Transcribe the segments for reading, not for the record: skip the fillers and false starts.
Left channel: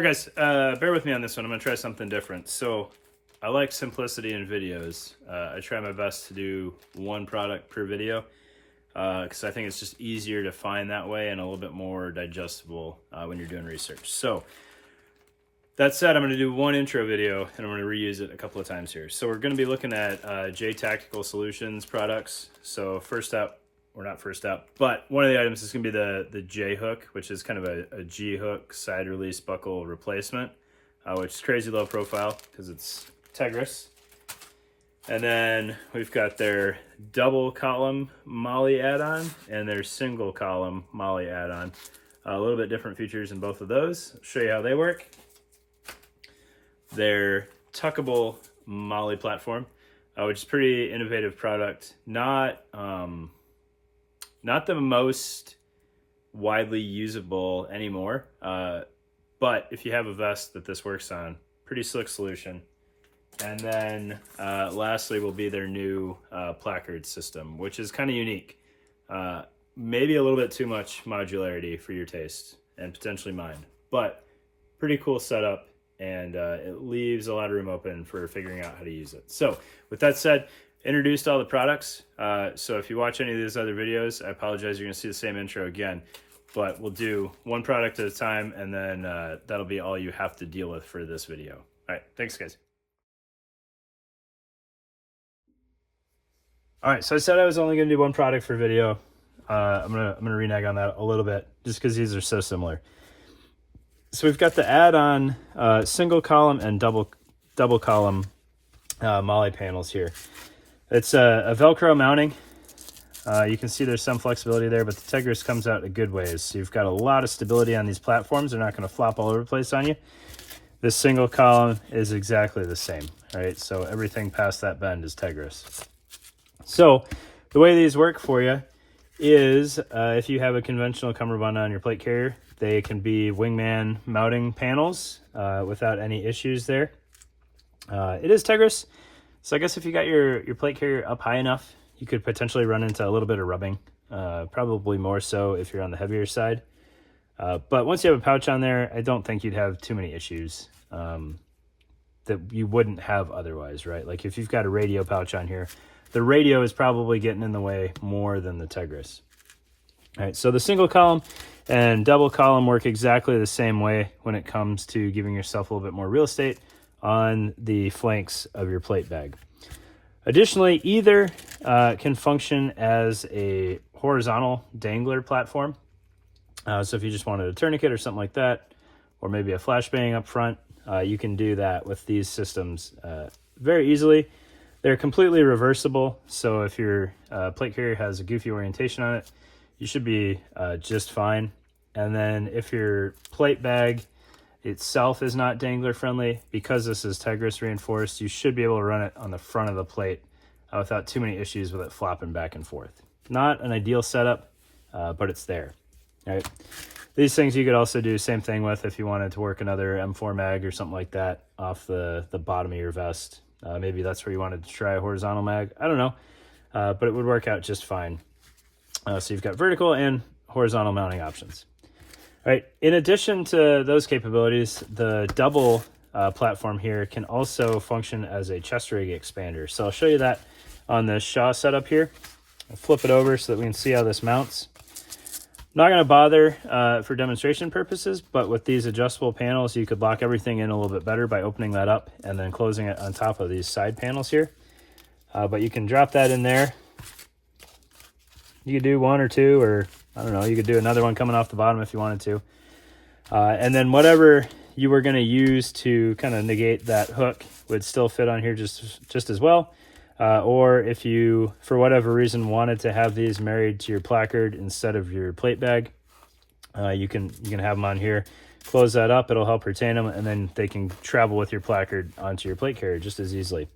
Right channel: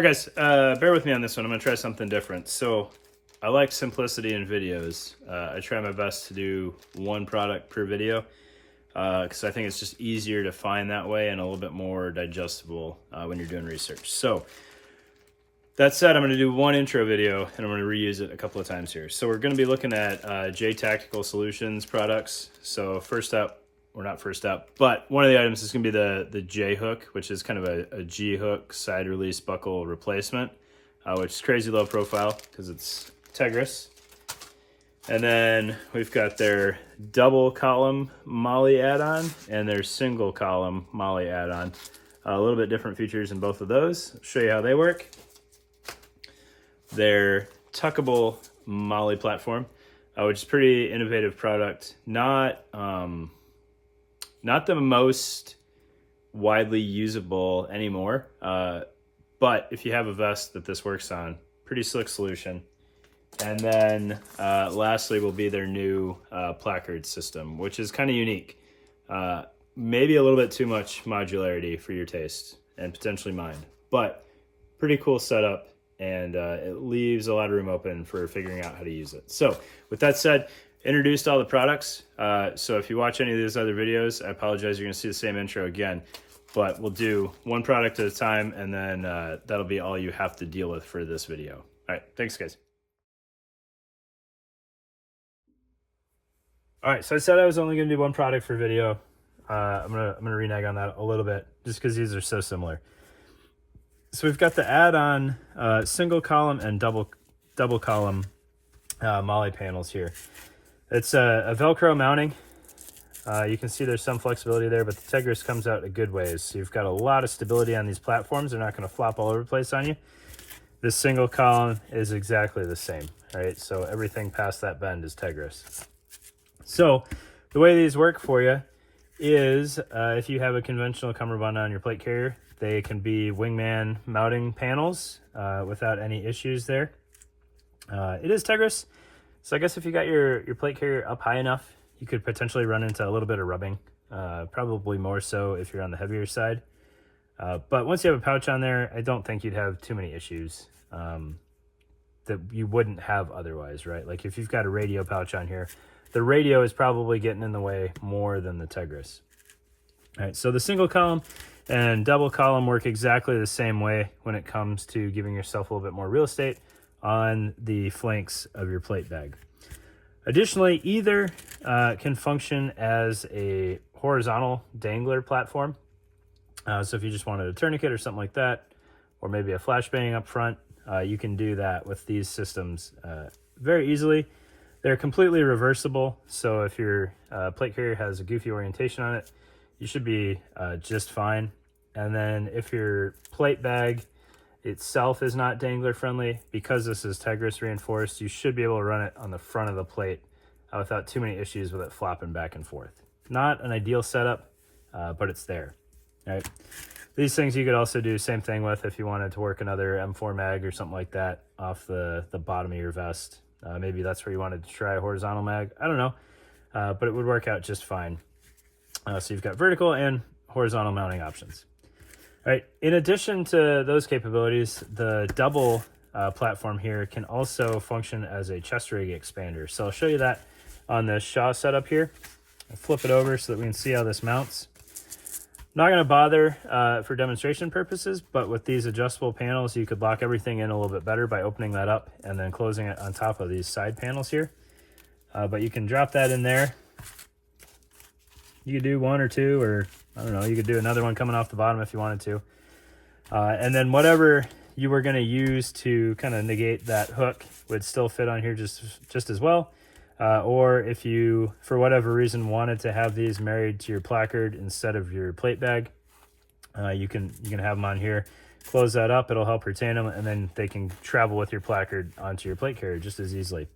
All right, guys, bear with me on this one. I'm gonna try something different. So I like simplicity in videos. I try my best to do one product per video because I think it's just easier to find that way and a little bit more digestible when you're doing research. So that said, I'm gonna do one intro video and I'm gonna reuse it a couple of times here. So we're gonna be looking at JTACtical Solutions products. So first up, or not first up, but one of the items is going to be the J hook, which is kind of a G hook side release buckle replacement, which is crazy low profile because it's Tegris. And then we've got their double column MOLLE add-on and their single column MOLLE add-on. A little bit different features in both of those. I'll show you how they work. Their tuckable MOLLE platform, which is a pretty innovative product. Not the most widely usable anymore, but if you have a vest that this works on, pretty slick solution. And then lastly will be their new placard system, which is kind of unique. Maybe a little bit too much modularity for your taste and potentially mine, but pretty cool setup, and it leaves a lot of room open for figuring out how to use it. So with that said, introduced all the products. So if you watch any of these other videos, I apologize, you're gonna see the same intro again, but we'll do one product at a time, and then that'll be all you have to deal with for this video. All right, thanks guys. All right, so I said I was only gonna do one product for video. I'm gonna renege on that a little bit just because these are so similar. So we've got the add-on single column and double column MOLLE panels here. It's a Velcro mounting. You can see there's some flexibility there, but the Tegris comes out in good ways. So you've got a lot of stability on these platforms. They're not going to flop all over the place on you. This single column is exactly the same, right? So everything past that bend is Tegris. So the way these work for you is if you have a conventional cummerbund on your plate carrier, they can be wingman mounting panels without any issues there. It is Tegris. So I guess if you got your plate carrier up high enough, you could potentially run into a little bit of rubbing, probably more so if you're on the heavier side. But once you have a pouch on there, I don't think you'd have too many issues that you wouldn't have otherwise, right? Like if you've got a radio pouch on here, the radio is probably getting in the way more than the Tegris. All right, so the single column and double column work exactly the same way when it comes to giving yourself a little bit more real estate on the flanks of your plate bag. Additionally, either can function as a horizontal dangler platform. So if you just wanted a tourniquet or something like that, or maybe a flashbang up front, you can do that with these systems very easily. They're completely reversible, so if your plate carrier has a goofy orientation on it, you should be just fine. And then if your plate bag itself is not dangler friendly, because this is Tegris reinforced, you should be able to run it on the front of the plate without too many issues with it flopping back and forth. Not an ideal setup, but it's there. All right, these things you could also do same thing with if you wanted to work another M4 mag or something like that off the bottom of your vest. Maybe that's where you wanted to try a horizontal mag, I don't know, but it would work out just fine. So you've got vertical and horizontal mounting options. All right, in addition to those capabilities, the double platform here can also function as a chest rig expander. So I'll show you that on this Shaw setup here. I'll flip it over so that we can see how this mounts. Not going to bother for demonstration purposes, but with these adjustable panels, you could lock everything in a little bit better by opening that up and then closing it on top of these side panels here. But you can drop that in there. You could do one or two, or I don't know, you could do another one coming off the bottom if you wanted to. And then whatever you were going to use to kind of negate that hook would still fit on here just as well. Or if you, for whatever reason, wanted to have these married to your placard instead of your plate bag, you can have them on here. Close that up, it'll help retain them, and then they can travel with your placard onto your plate carrier just as easily.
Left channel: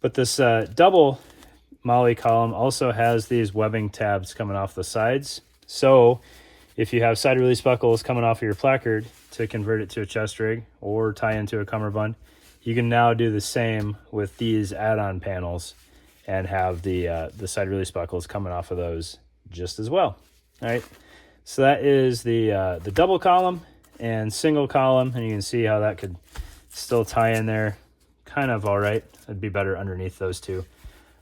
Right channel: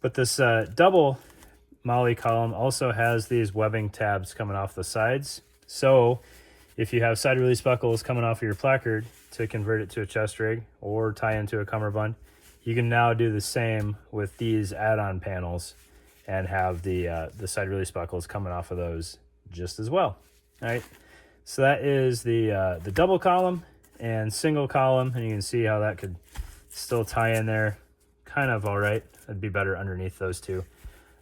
But this double MOLLE column also has these webbing tabs coming off the sides. So if you have side release buckles coming off of your placard to convert it to a chest rig or tie into a cummerbund, you can now do the same with these add-on panels and have the side release buckles coming off of those just as well. All right, so that is the double column and single column, and you can see how that could still tie in there kind of all right. It'd be better underneath those two.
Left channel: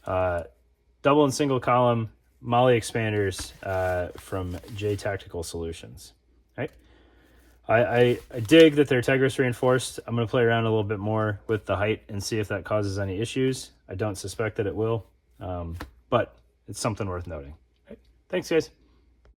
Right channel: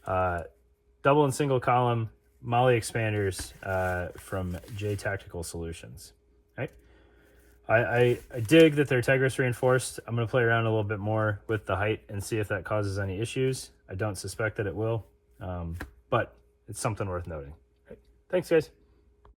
Double and single column MOLLE expanders from JTACtical Solutions. Right? I dig that they're Tegris reinforced. I'm going to play around a little bit more with the height and see if that causes any issues. I don't suspect that it will, but it's something worth noting. Right. Thanks, guys.